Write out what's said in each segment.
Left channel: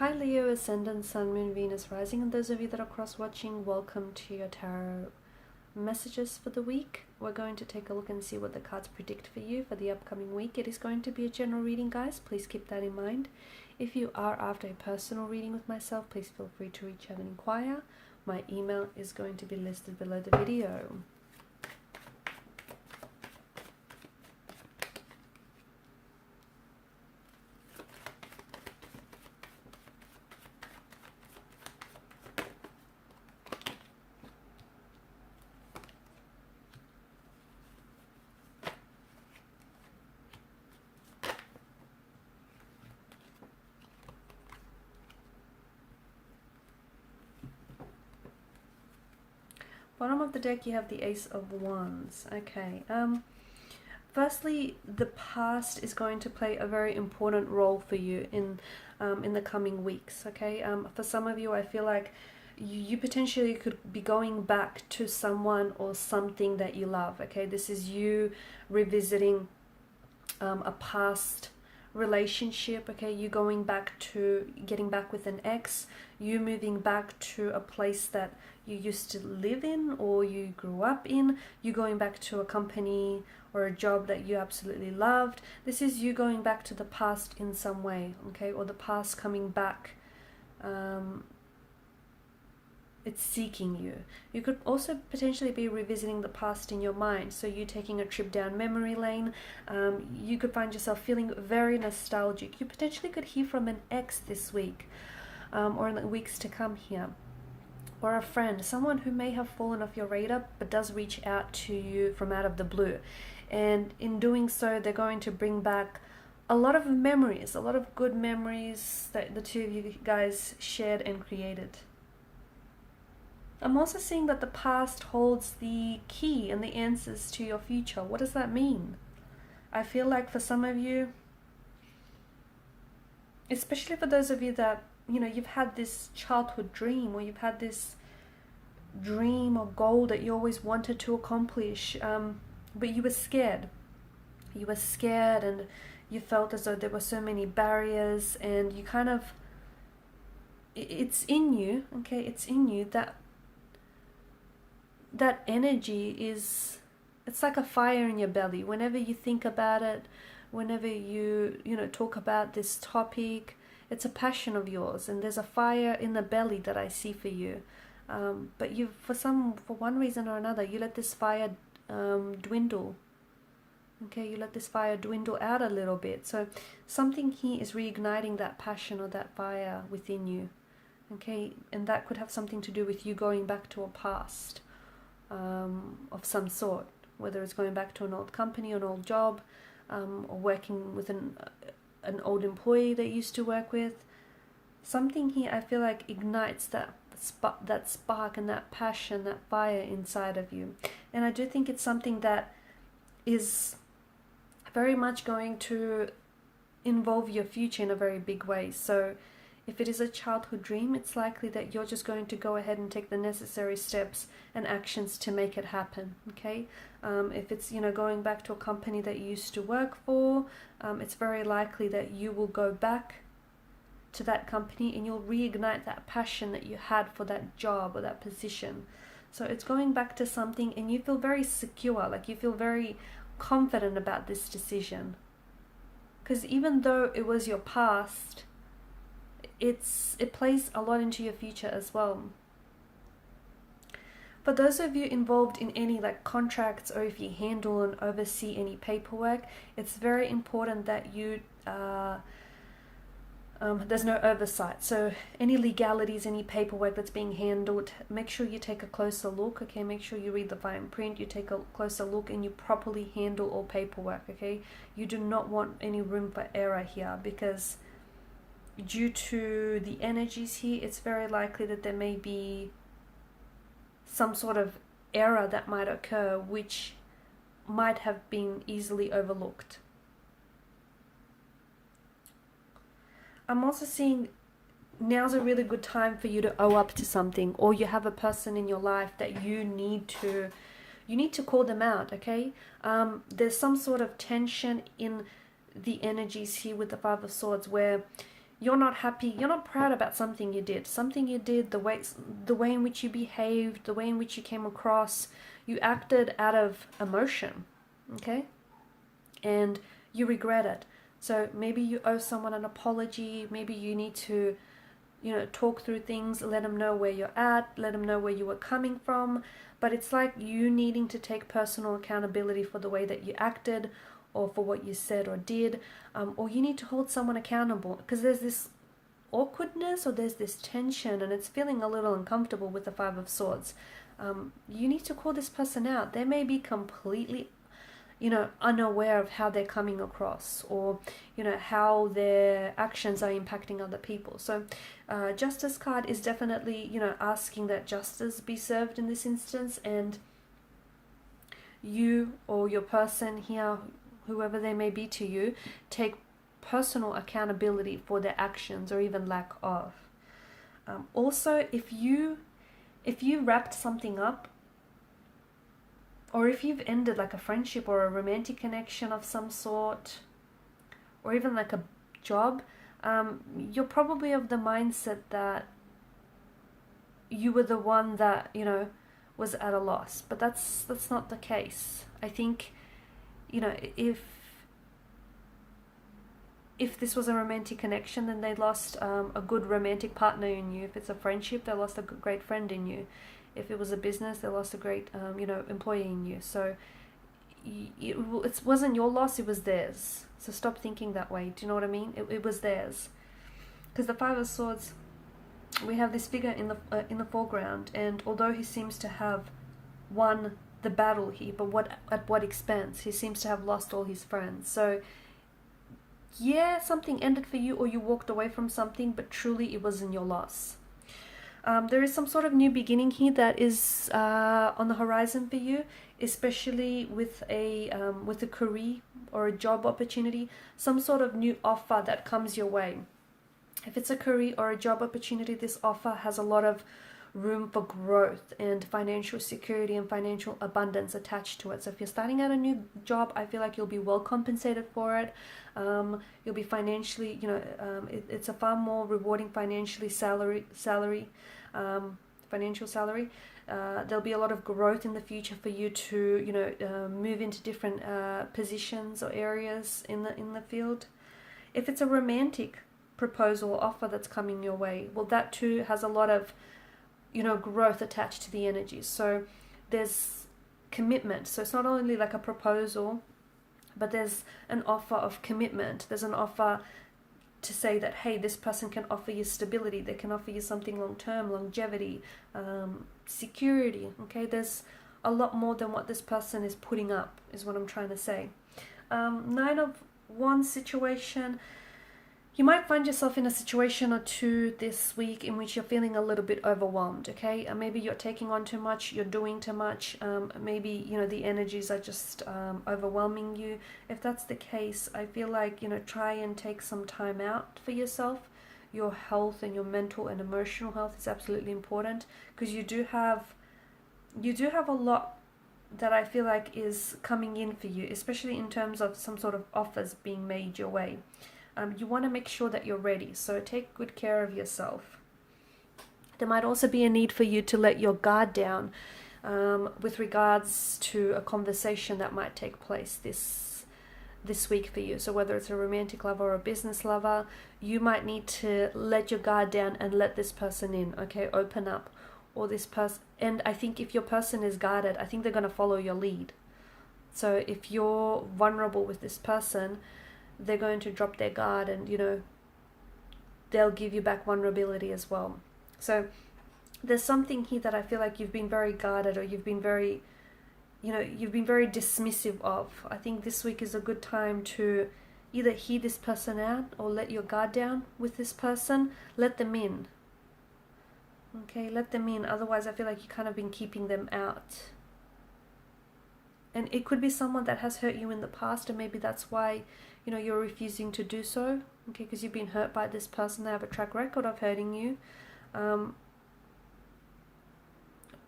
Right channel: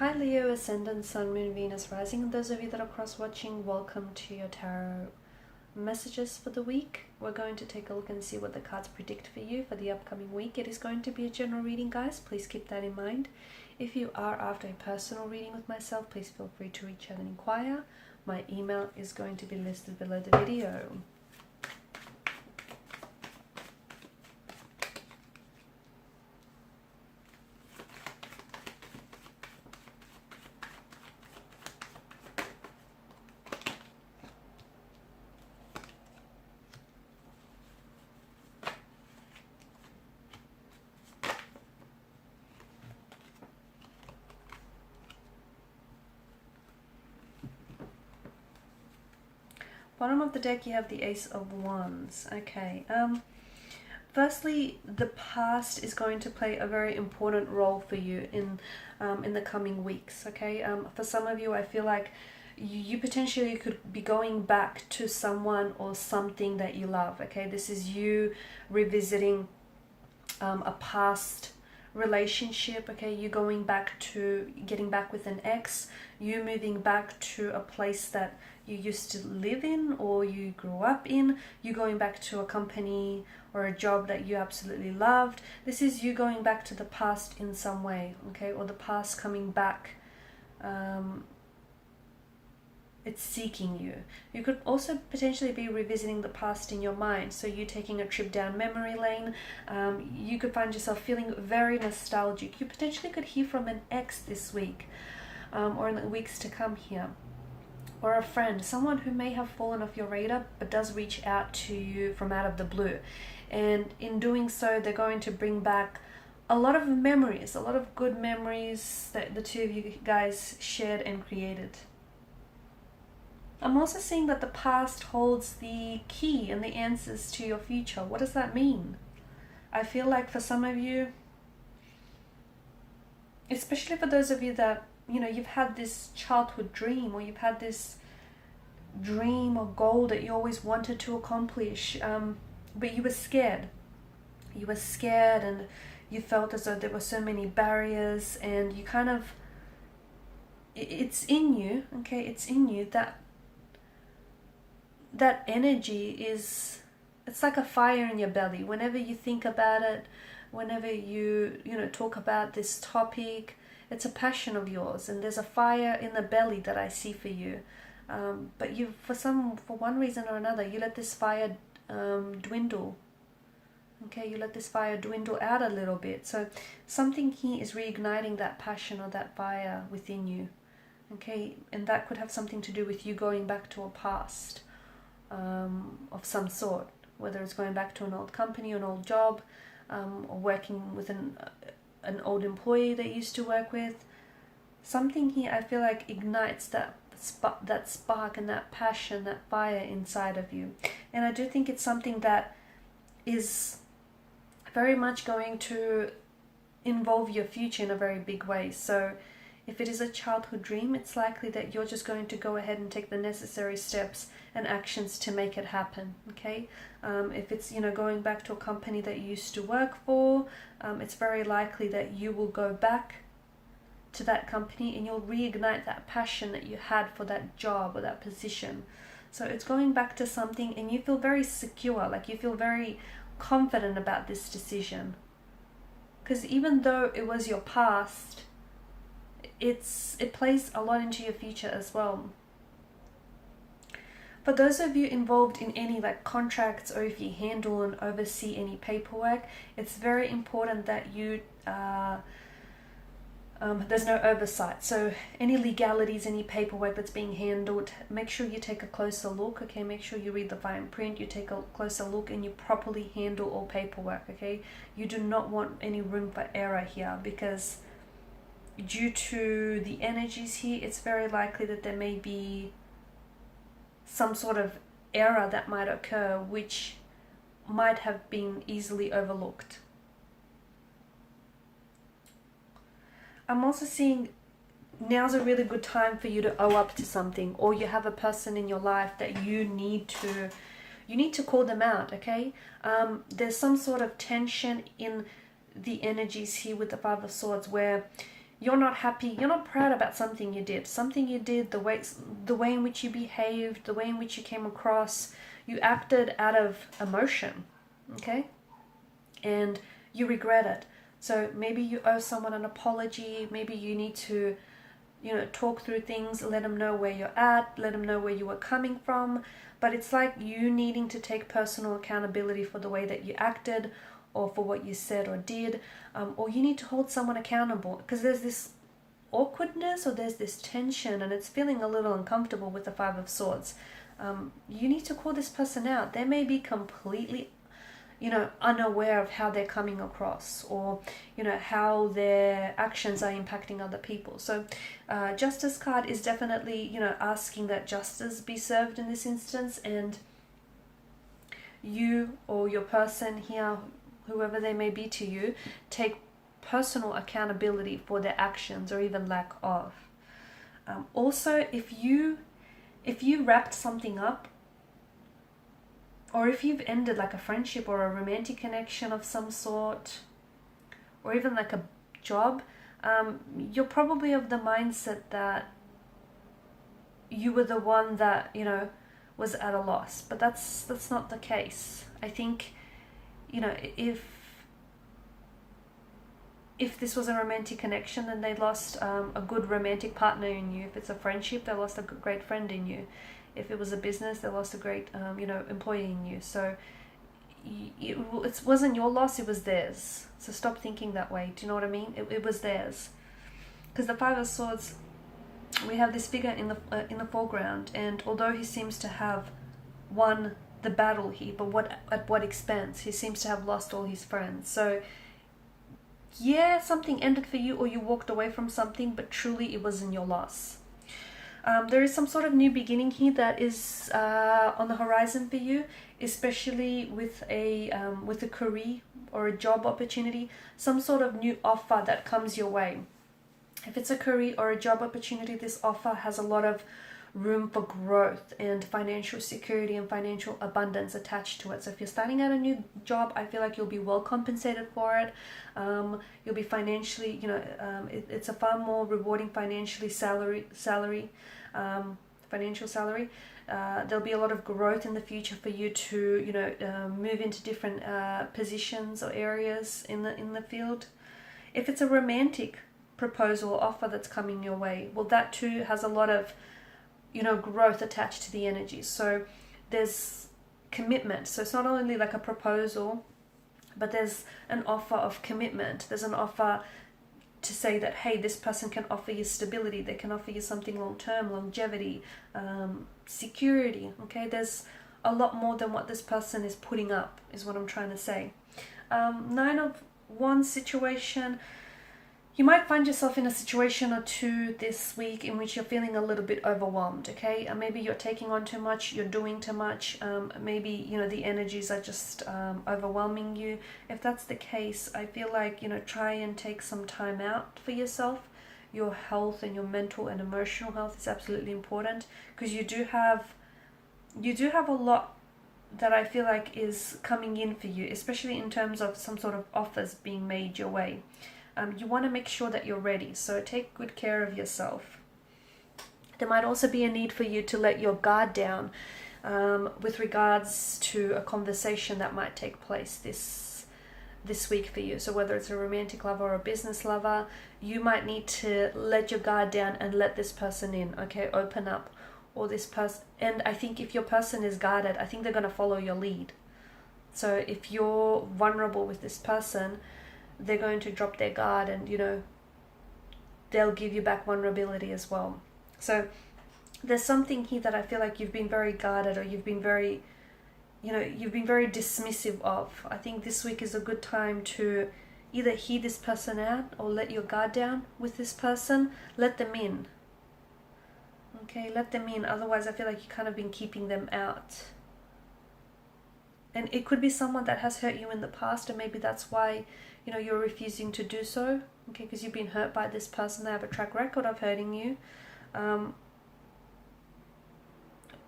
Hi Leo, Ascendant, Sun, Moon, Venus, Rising, and those of you that are cross-watching, welcome to your tarot messages for the week. We're going to take a look and see what the cards predict for you for the upcoming week. It is going to be a general reading, guys. Please keep that in mind. If you are after a personal reading with myself, please feel free to reach out and inquire. My email is going to be listed below the video. Bottom of the deck, you have the Ace of Wands. Okay. Firstly, the past is going to play a very important role for you in the coming weeks. Okay. For some of you, I feel like you potentially could be going back to someone or something that you love. Okay. This is you revisiting a past relationship. Okay. You going back to getting back with an ex. You moving back to a place that you used to live in or you grew up in. You going back to a company or a job that you absolutely loved. This is you going back to the past in some way, okay, or the past coming back. It's seeking you. You could also potentially be revisiting the past in your mind. So you taking a trip down memory lane. You could find yourself feeling very nostalgic. You potentially could hear from an ex this week, or in the weeks to come here. Or a friend, someone who may have fallen off your radar but does reach out to you from out of the blue. And in doing so, they're going to bring back a lot of memories, a lot of good memories that the two of you guys shared and created. I'm also seeing that the past holds the key and the answers to your future. What does that mean? I feel like for some of you, especially for those of you that you've had this childhood dream, or you've had this dream or goal that you always wanted to accomplish, but you were scared. You were scared and you felt as though there were so many barriers, and you kind of, it's in you, okay, it's in you that energy is, it's like a fire in your belly. Whenever you think about it, whenever you talk about this topic, it's a passion of yours, and there's a fire in the belly that I see for you. But you, for one reason or another, you let this fire dwindle. Okay, you let this fire dwindle out a little bit. So something here is reigniting that passion or that fire within you. Okay, and that could have something to do with you going back to a past of some sort, whether it's going back to an old company, an old job, or working with an old employee that you used to work with. Something here I feel like ignites that spark and that passion, that fire inside of you. And I do think it's something that is very much going to involve your future in a very big way. So if it is a childhood dream, it's likely that you're just going to go ahead and take the necessary steps and actions to make it happen, okay? If it's, going back to a company that you used to work for, it's very likely that you will go back to that company and you'll reignite that passion that you had for that job or that position. So it's going back to something, and you feel very secure, like you feel very confident about this decision. Because even though it was your past, it plays a lot into your future as well. For those of you involved in any contracts, or if you handle and oversee any paperwork, it's very important that you there's no oversight. So any legalities, any paperwork that's being handled, make sure you take a closer look, okay? Make sure you read the fine print, you take a closer look, and you properly handle all paperwork, okay? You do not want any room for error here, because due to the energies here, it's very likely that there may be some sort of error that might occur, which might have been easily overlooked. I'm also seeing now's a really good time for you to owe up to something, or you have a person in your life that you need to call them out, okay? There's some sort of tension in the energies here with the Five of Swords, where you're not happy, you're not proud about something you did, the way in which you behaved, the way in which you came across. You acted out of emotion, okay? And you regret it. So maybe you owe someone an apology. Maybe you need to, talk through things, let them know where you're at, let them know where you were coming from. But it's like you needing to take personal accountability for the way that you acted, or for what you said or did, or you need to hold someone accountable, because there's this awkwardness or there's this tension and it's feeling a little uncomfortable with the Five of Swords. You need to call this person out. They may be completely unaware of how they're coming across, or how their actions are impacting other people. So Justice card is definitely asking that justice be served in this instance, and you or your person here, whoever they may be to you, take personal accountability for their actions or even lack of. Also, if you wrapped something up, or if you've ended like a friendship or a romantic connection of some sort, or even like a job, you're probably of the mindset that you were the one that was at a loss. But that's not the case. I think if this was a romantic connection, then they lost a good romantic partner in you. If it's a friendship, they lost a great friend in you. If it was a business, they lost a great employee in you. So it wasn't your loss, it was theirs. So stop thinking that way. Do you know what I mean? It was theirs. Because the Five of Swords, we have this figure in the foreground, and although he seems to have won the battle here, but at what expense? He seems to have lost all his friends. So yeah, something ended for you, or you walked away from something, but truly it wasn't your loss. There is some sort of new beginning here that is on the horizon for you, especially with a career or a job opportunity, some sort of new offer that comes your way. If it's a career or a job opportunity, this offer has a lot of room for growth and financial security and financial abundance attached to it. So if you're starting out a new job, I feel like you'll be well compensated for it. You'll be financially, it's a far more rewarding financial salary. There'll be a lot of growth in the future for you to, move into different positions or areas in the field. If it's a romantic proposal or offer that's coming your way, well, that too has a lot of growth attached to the energy. So there's commitment. So it's not only like a proposal, but there's an offer of commitment. There's an offer to say that, hey, this person can offer you stability. They can offer you something long-term, longevity, security. Okay, there's a lot more than what this person is putting up, is what I'm trying to say. 9 of Wands situation. You might find yourself in a situation or two this week in which you're feeling a little bit overwhelmed, okay? Maybe you're taking on too much, you're doing too much, maybe, the energies are just overwhelming you. If that's the case, I feel like, try and take some time out for yourself. Your health and your mental and emotional health is absolutely important, because you do have a lot that I feel like is coming in for you, especially in terms of some sort of offers being made your way. You want to make sure that you're ready, so take good care of yourself. There might also be a need for you to let your guard down with regards to a conversation that might take place this week for you. So whether it's a romantic lover or a business lover, you might need to let your guard down and let this person in, okay? Open up. Or this person, and I think if your person is guarded, I think they're going to follow your lead. So if you're vulnerable with this person, they're going to drop their guard, and they'll give you back vulnerability as well. So there's something here that I feel like you've been very guarded, or you've been very dismissive of. I think this week is a good time to either hear this person out or let your guard down with this person. Let them in. Okay, let them in. Otherwise, I feel like you've kind of been keeping them out. And it could be someone that has hurt you in the past, and maybe that's why you're refusing to do so, okay, because you've been hurt by this person. They have a track record of hurting you.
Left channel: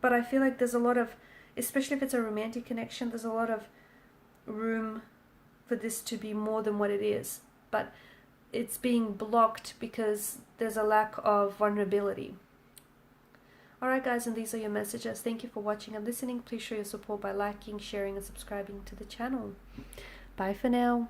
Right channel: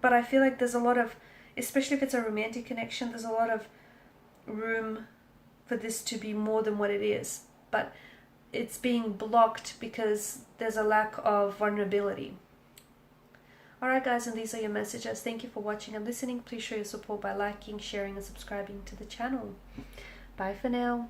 But I feel like there's a lot of, especially if it's a romantic connection, there's a lot of room for this to be more than what it is. But it's being blocked because there's a lack of vulnerability. Alright guys, and these are your messages. Thank you for watching and listening. Please show your support by liking, sharing and subscribing to the channel. Bye for now.